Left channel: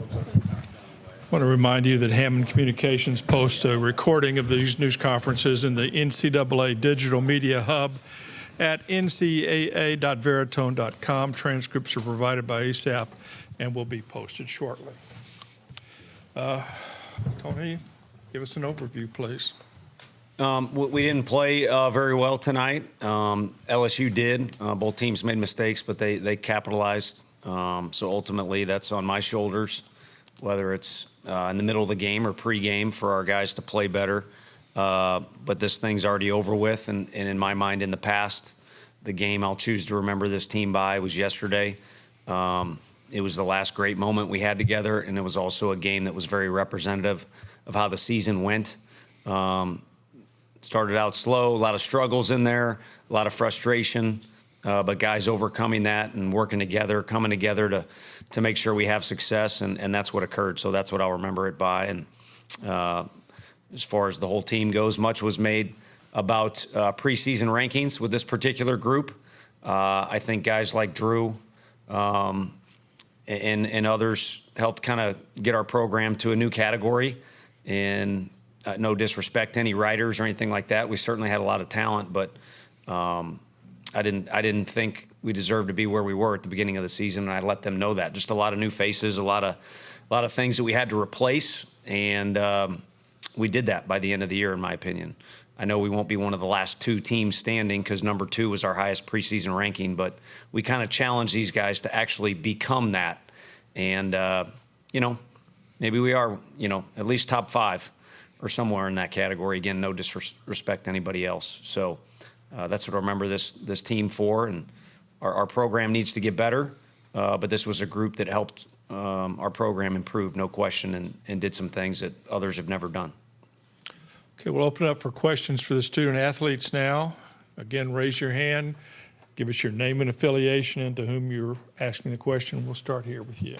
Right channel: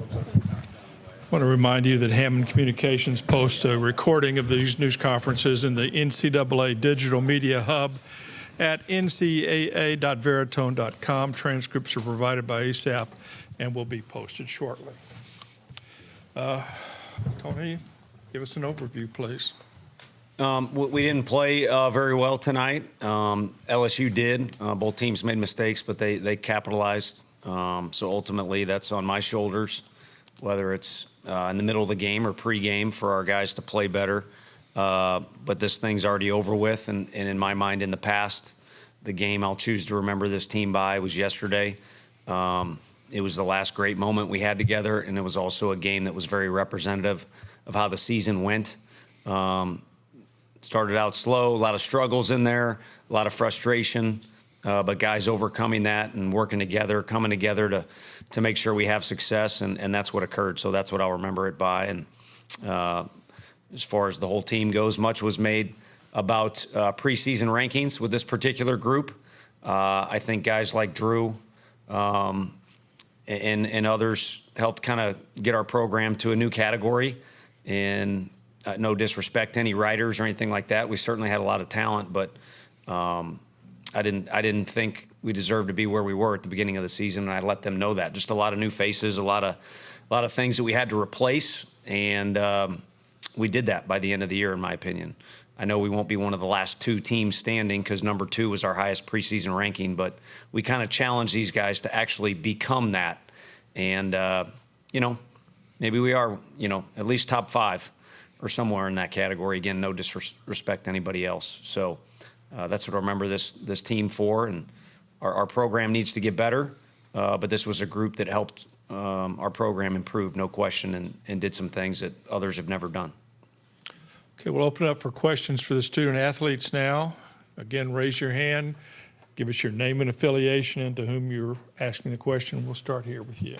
I want to remind you that Hammond Communications posts a recording of these news conferences in the NCAA Digital Media Hub at ncaa.veritone.com. Transcripts are provided by ASAP and will be posted shortly. Tony, give us an overview, please. We didn't play very well tonight. LSU did. Both teams made mistakes, but they capitalized. So ultimately, that's on my shoulders, whether it's in the middle of the game or pre-game for our guys to play better. But this thing's already over with, and in my mind, in the past, the game I'll choose to remember this team by was yesterday. It was the last great moment we had together, and it was also a game that was very representative of how the season went. Started out slow, a lot of struggles in there, a lot of frustration, but guys overcoming that and working together, coming together to make sure we have success, and that's what occurred. So that's what I'll remember it by. And as far as the whole team goes, much was made about preseason rankings with this particular group. I think guys like Drew and others helped kind of get our program to a new category. And no disrespect to any writers or anything like that. We certainly had a lot of talent, but I didn't think we deserved to be where we were at the beginning of the season, and I let them know that. Just a lot of new faces, a lot of things that we had to replace, and we did that by the end of the year, in my opinion. I know we won't be one of the last two teams standing because number 2 was our highest preseason ranking, but we kind of challenged these guys to actually become that. And, maybe we are, at least top 5 or somewhere in that category. Again, no disrespect to anybody else. So that's what I remember this team for. And our program needs to get better, but this was a group that helped our program improve, no question, and did some things that others have never done. Okay, we'll open up for questions for the student athletes now. Again, raise your hand. Give us your name and affiliation and to whom you're asking the question. We'll start here with you.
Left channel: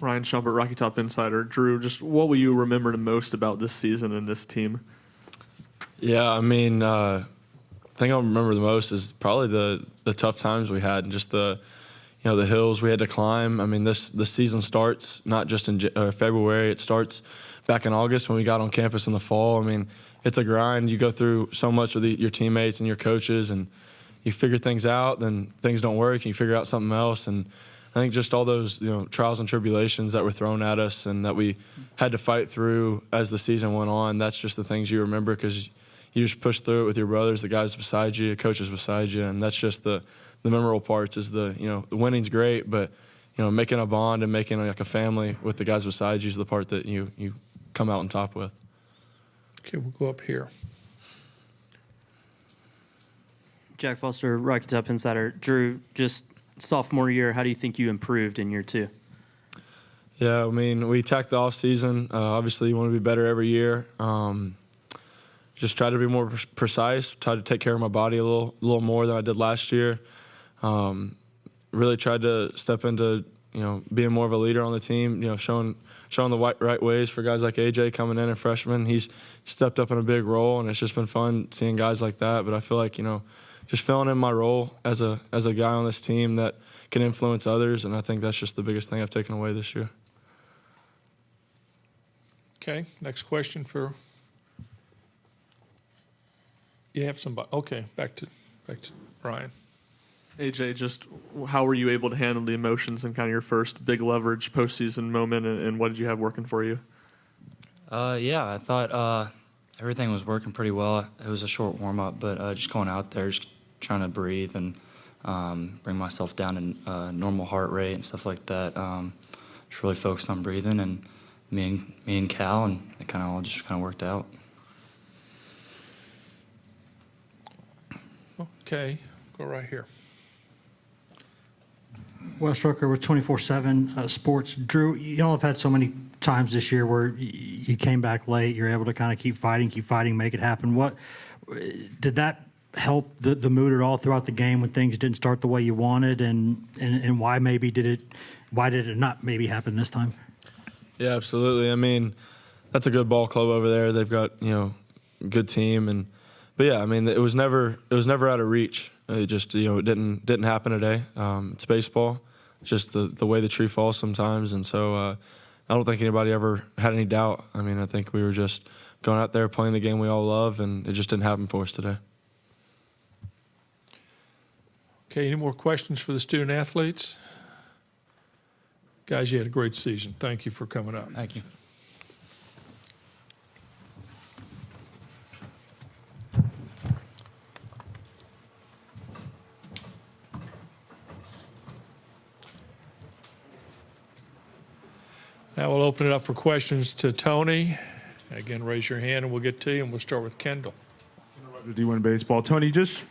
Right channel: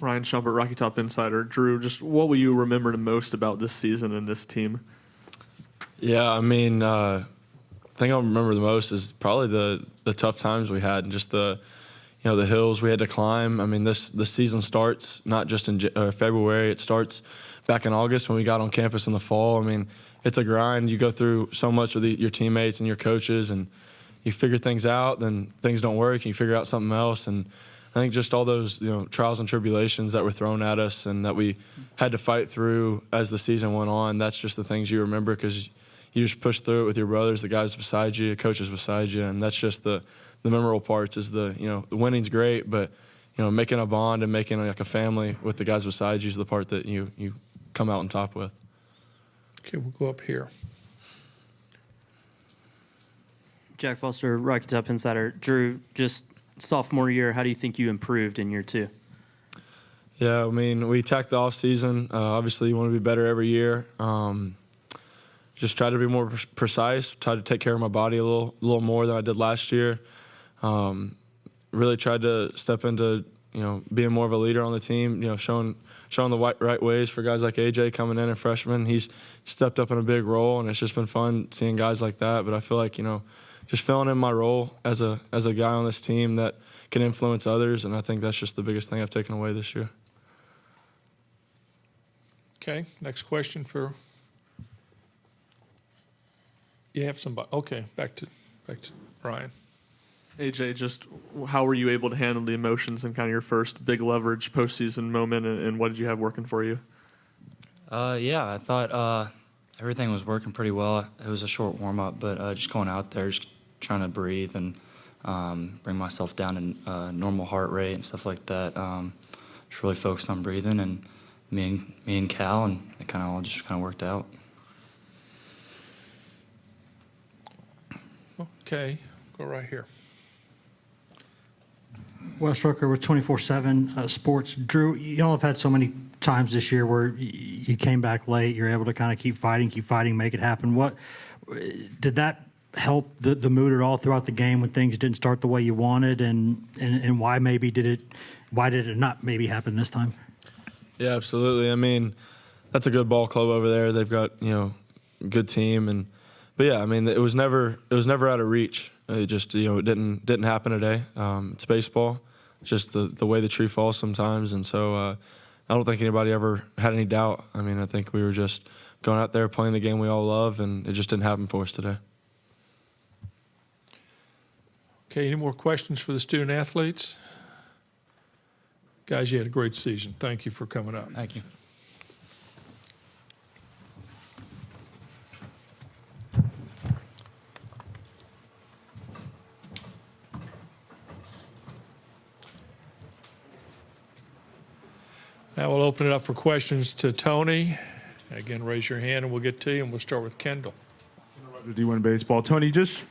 Ryan Schumpert, Rocky Top Insider. Drew, just what will you remember the most about this season and this team? Yeah, I mean, the thing I remember the most is probably the tough times we had and just the hills we had to climb. I mean, this season starts not just in February. It starts back in August when we got on campus in the fall. I mean, it's a grind. You go through so much with your teammates and your coaches, and you figure things out, then things don't work, and you figure out something else. And I think just all those trials and tribulations that were thrown at us and that we had to fight through as the season went on, that's just the things you remember because you just push through it with your brothers, the guys beside you, the coaches beside you, and that's just the memorable parts is the winning's great, but making a bond and making like a family with the guys beside you is the part that you come out on top with. Okay, we'll go up here. Jack Foster, Rocky Top Insider. Drew, just sophomore year, how do you think you improved in year 2? Yeah, I mean, we attacked the off season. Obviously, you want to be better every year. Just try to be more precise. Try to take care of my body a little more than I did last year. Really tried to step into being more of a leader on the team. Showing the right ways for guys like AJ coming in, a freshman. He's stepped up in a big role, and it's just been fun seeing guys like that. But I feel like just filling in my role as a guy on this team that can influence others, and I think that's just the biggest thing I've taken away this year. Okay, next question for you have somebody. Okay, back to Ryan. AJ, just how were you able to handle the emotions and kind of your first big leverage postseason moment, and what did you have working for you? Yeah, I thought everything was working pretty well. It was a short warm-up, but just going out there, just trying to breathe and bring myself down to normal heart rate and stuff like that. Just really focused on breathing, and me and Cal, and it kind of all just worked out. Okay, go right here. Wes Rucker with 24/7 Sports. Drew, y'all have had so many times this year where you came back late, you're able to kind of keep fighting, make it happen. What did that help the mood at all throughout the game when things didn't start the way you wanted, and why did it not maybe happen this time? Yeah, absolutely. I mean, that's a good ball club over there. They've got good team, but yeah, I mean, it was never out of reach. It just it didn't happen today. It's baseball. just the way the tree falls sometimes. And so I don't think anybody ever had any doubt. I mean, I think we were just going out there playing the game we all love, and it just didn't happen for us today. Okay, any more questions for the student athletes? Guys, you had a great season. Thank you for coming up. Thank you. Now we'll open it up for questions to Tony. Again, raise your hand and we'll get to you, and we'll start with Kendall. D1 baseball. Tony, just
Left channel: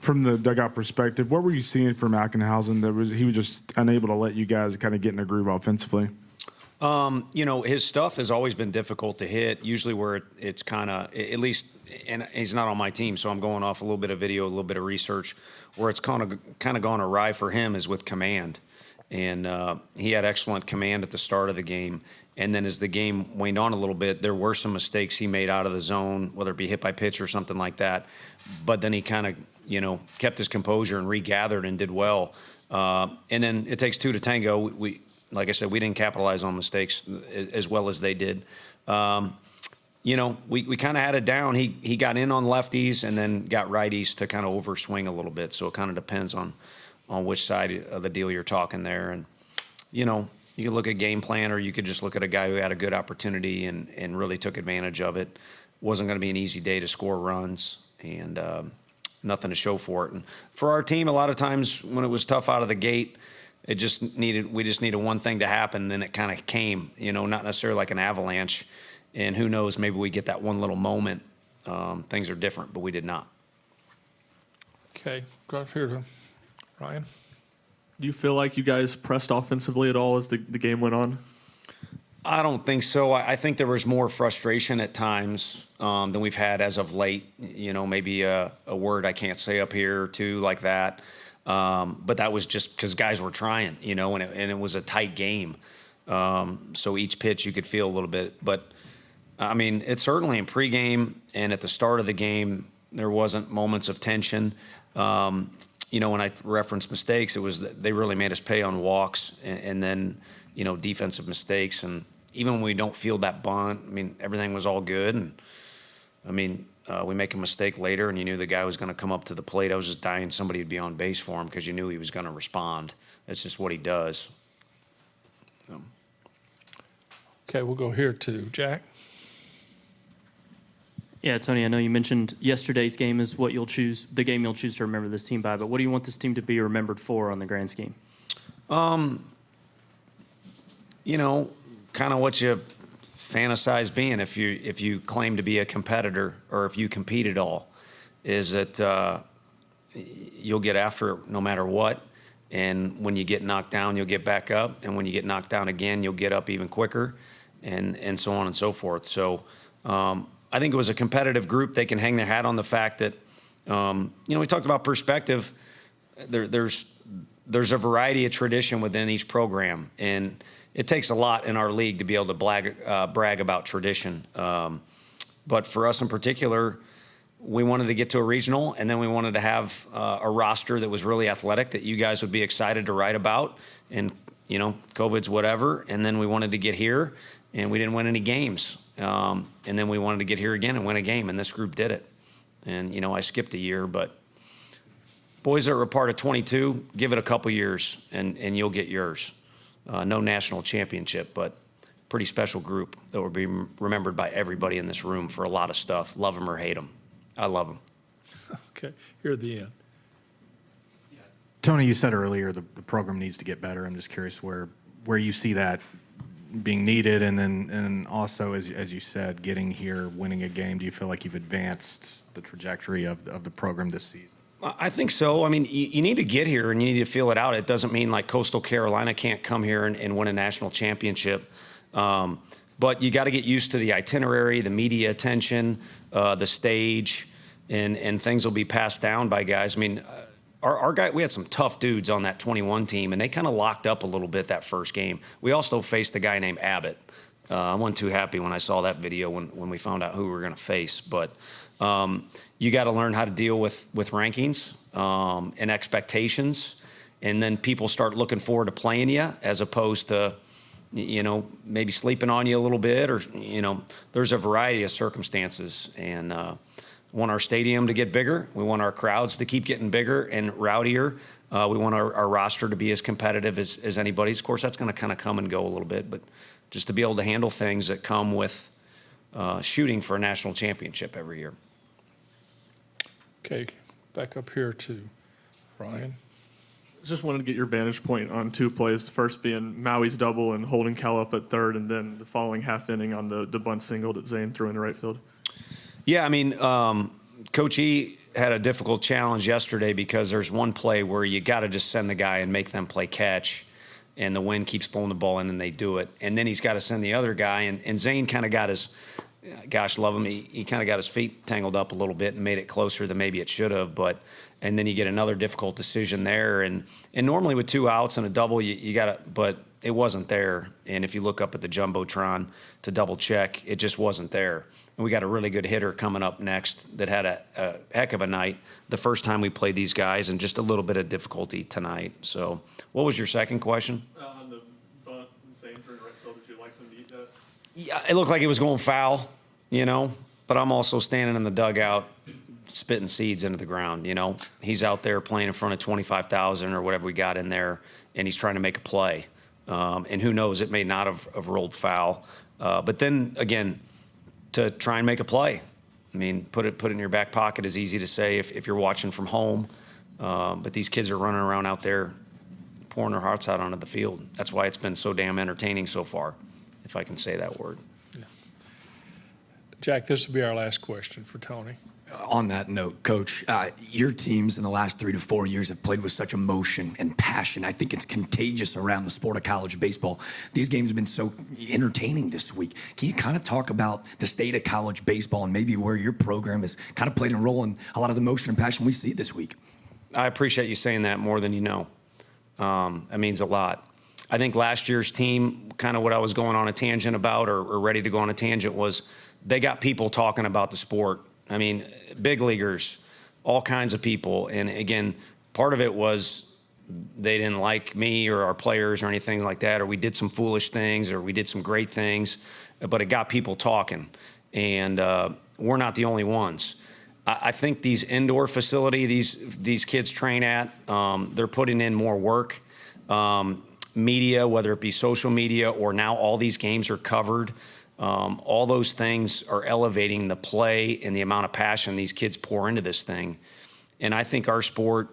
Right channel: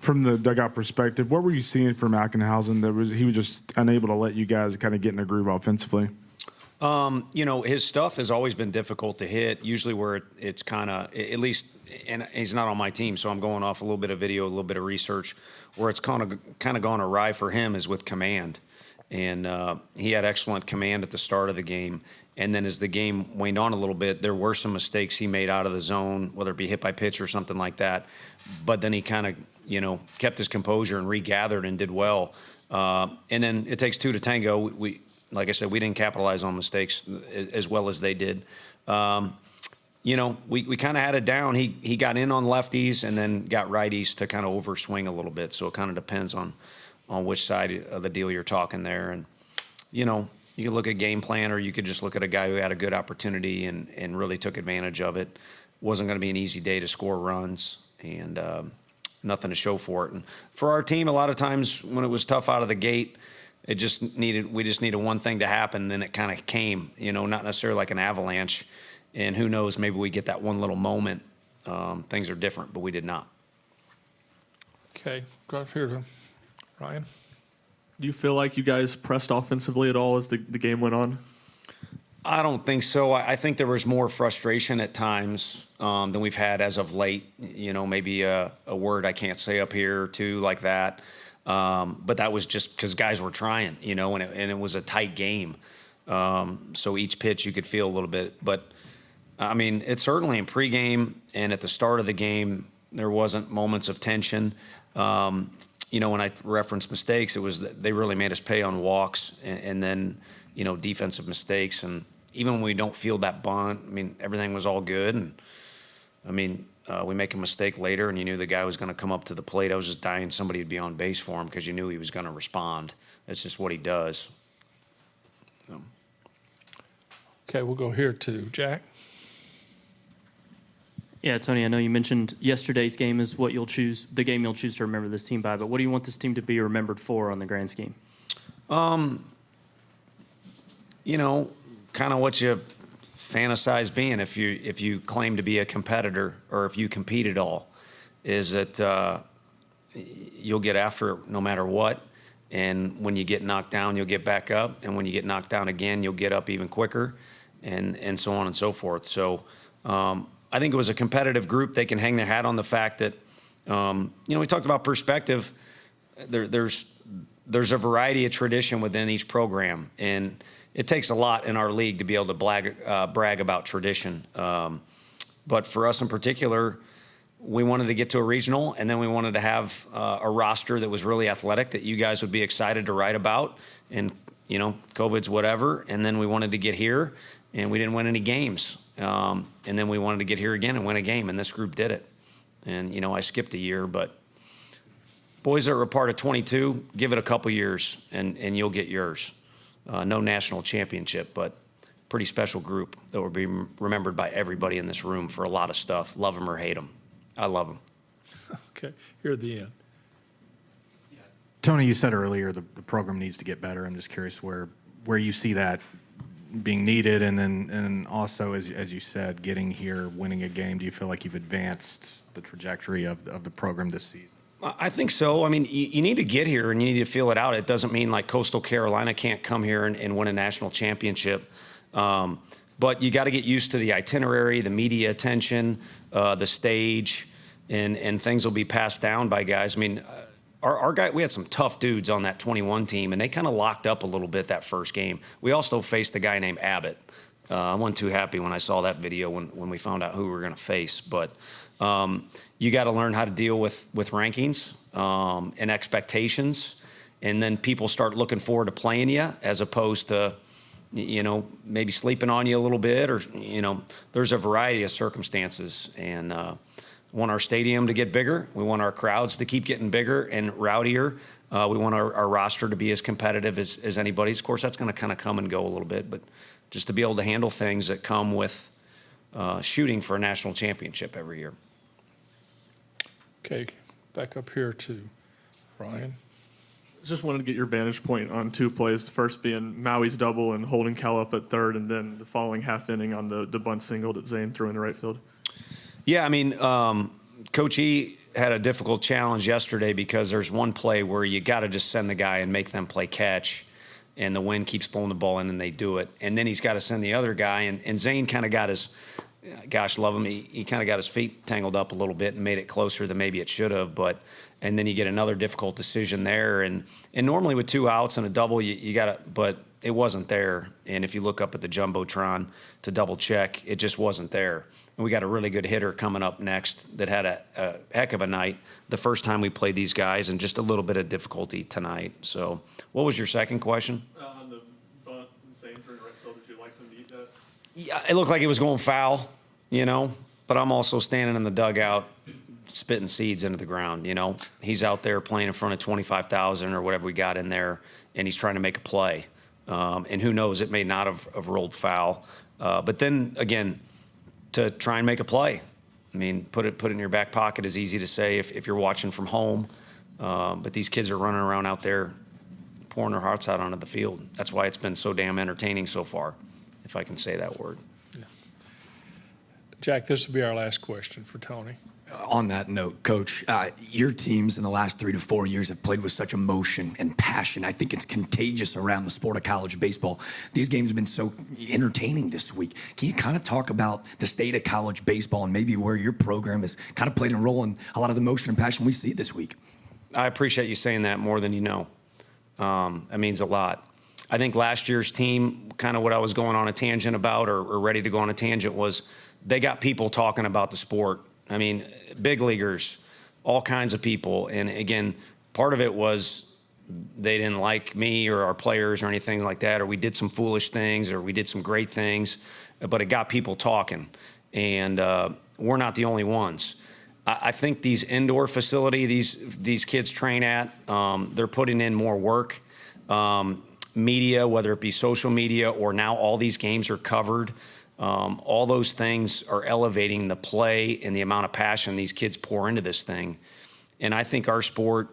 from the dugout perspective, what were you seeing from Ackenhausen that he was just unable to let you guys kind of get in a groove offensively? His stuff has always been difficult to hit, usually where it's kind of, at least, and he's not on my team, so I'm going off a little bit of video, a little bit of research, where it's kind of gone awry for him is with command. And he had excellent command at the start of the game. And then as the game waned on a little bit, there were some mistakes he made out of the zone, whether it be hit by pitch or something like that. But then he kind of, kept his composure and regathered and did well. And then it takes two to tango. We like I said, we didn't capitalize on mistakes as well as they did. We kind of had it down. He got in on lefties and then got righties to kind of overswing a little bit. So it kind of depends on which side of the deal you're talking there. And, you could look at game plan, or you could just look at a guy who had a good opportunity and really took advantage of it. Wasn't going to be an easy day to score runs, and nothing to show for it. And for our team, a lot of times when it was tough out of the gate, we just needed one thing to happen, and then it kind of came, not necessarily like an avalanche. And who knows, maybe we get that one little moment. Things are different, but we did not. Okay, go up here to Ryan. Do you feel like you guys pressed offensively at all as the game went on? I don't think so. I think there was more frustration at times than we've had as of late. Maybe a word I can't say up here or two like that. But that was just because guys were trying, and it was a tight game. So each pitch you could feel a little bit. But, it's certainly in pregame and at the start of the game, there wasn't moments of tension. When I referenced mistakes, it was that they really made us pay on walks and then, defensive mistakes. And even when we don't feel that bunt, everything was all good. And, we make a mistake later and you knew the guy was going to come up to the plate. I was just dying somebody would be on base for him because you knew he was going to respond. That's just what he does. Okay, we'll go here to Jack. Yeah, Tony, I know you mentioned yesterday's game is the game you'll choose to remember this team by, but what do you want this team to be remembered for on the grand scheme? Kind of what you fantasize being if you claim to be a competitor or if you compete at all, is that you'll get after it no matter what. And when you get knocked down, you'll get back up. And when you get knocked down again, you'll get up even quicker and so on and so forth. So, I think it was a competitive group. They can hang their hat on the fact that, we talked about perspective. There's a variety of tradition within each program, and it takes a lot in our league to be able to brag about tradition. But for us in particular, we wanted to get to a regional, and then we wanted to have a roster that was really athletic that you guys would be excited to write about. And, COVID's whatever. And then we wanted to get here, and we didn't win any games. And then we wanted to get here again and win a game, and this group did it. And, I skipped a year, but boys that were a part of 22, give it a couple years, and you'll get yours. No national championship, but pretty special group that will be remembered by everybody in this room for a lot of stuff. Love them or hate them. I love them. Okay, here at the end. Tony, you said earlier the program needs to get better. I'm just curious where you see that being needed, and also as you said, getting here, winning a game. Do you feel like you've advanced the trajectory of the program this season? I think so. You need to get here and you need to feel it out. It doesn't mean like Coastal Carolina can't come here and win a national championship. But you got to get used to the itinerary, the media attention, the stage, and things will be passed down by guys. Our guy, we had some tough dudes on that 21 team, and they kind of locked up a little bit that first game. We also faced a guy named Abbott. I wasn't too happy when I saw that video when we found out who we were going to face. But you got to learn how to deal with rankings and expectations. and then people start looking forward to playing you as opposed to, maybe sleeping on you a little bit, or, there's a variety of circumstances. And we want our stadium to get bigger. We want our crowds to keep getting bigger and rowdier. We want our roster to be as competitive as anybody's. Of course, that's going to kind of come and go a little bit, but just to be able to handle things that come with shooting for a national championship every year. Okay, back up here to Ryan. Just wanted to get your vantage point on two plays. The first being Maui's double and holding Cal up at third, and then the following half inning on the bunt single that Zane threw into right field. Yeah, I mean, Coach E had a difficult challenge yesterday because there's one play where you got to just send the guy and make them play catch, and the wind keeps pulling the ball in and they do it. And then he's got to send the other guy, and Zane kind of got his, gosh, love him, he kind of got his feet tangled up a little bit and made it closer than maybe it should have. And then you get another difficult decision there. And normally with 2 outs and a double, you got to, but it wasn't there. And if you look up at the Jumbotron to double check, it just wasn't there. And we got a really good hitter coming up next that had a heck of a night the first time we played these guys, and just a little bit of difficulty tonight. So what was your second question? On the bunt, Zane threw into right field, did you like to meet that? Yeah, it looked like it was going foul, but I'm also standing in the dugout spitting seeds into the ground. He's out there playing in front of 25,000 or whatever we got in there, and he's trying to make a play. And who knows, it may not have rolled foul. But then again, to try and make a play, I mean, put it in your back pocket is easy to say if you're watching from home. But these kids are running around out there pouring their hearts out onto the field. That's why it's been so damn entertaining so far, if I can say that word. Yeah. Jack, this will be our last question for Tony. On that note, Coach, your teams in the last 3 to 4 years have played with such emotion and passion. I think it's contagious around the sport of college baseball. These games have been so entertaining this week. Can you kind of talk about the state of college baseball and maybe where your program has kind of played a role in a lot of the emotion and passion we see this week? I appreciate you saying that more than you know. That means a lot. I think last year's team, kind of what I was going on a tangent about or ready to go on a tangent, was they got people talking about the sport. I mean, big leaguers, all kinds of people. And again, part of it was they didn't like me or our players or anything like that, or we did some foolish things or we did some great things, but it got people talking. And we're not the only ones. I think these indoor facilities these kids train at, they're putting in more work. Media, whether it be social media or now all these games are covered. All those things are elevating the play and the amount of passion these kids pour into this thing. And I think our sport,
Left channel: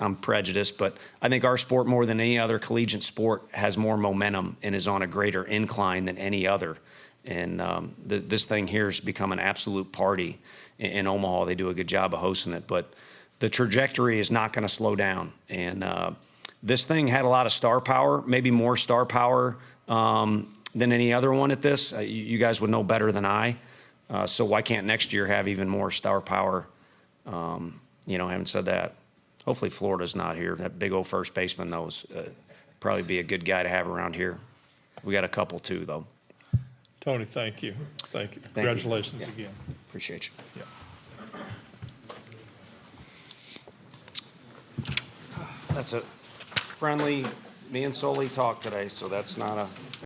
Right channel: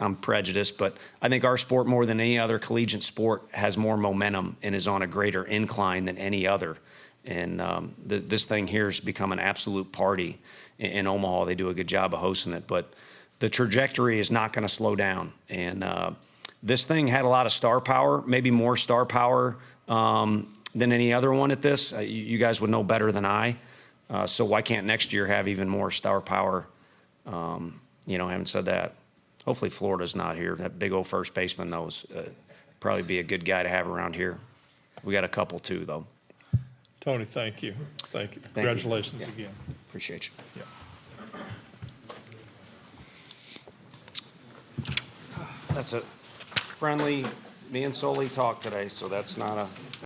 I'm prejudiced, but I think our sport more than any other collegiate sport has more momentum and is on a greater incline than any other. And this thing here has become an absolute party in Omaha. They do a good job of hosting it, but the trajectory is not going to slow down. And this thing had a lot of star power, maybe more star power than any other one at this. You guys would know better than I. So why can't next year have even more star power? Having said that, hopefully Florida's not here. That big old first baseman, knows probably be a good guy to have around here. We got a couple too, though. Tony, thank you. Thank you. Congratulations again. Appreciate you. Yeah. That's a friendly, me and Sully talked today, so that's not a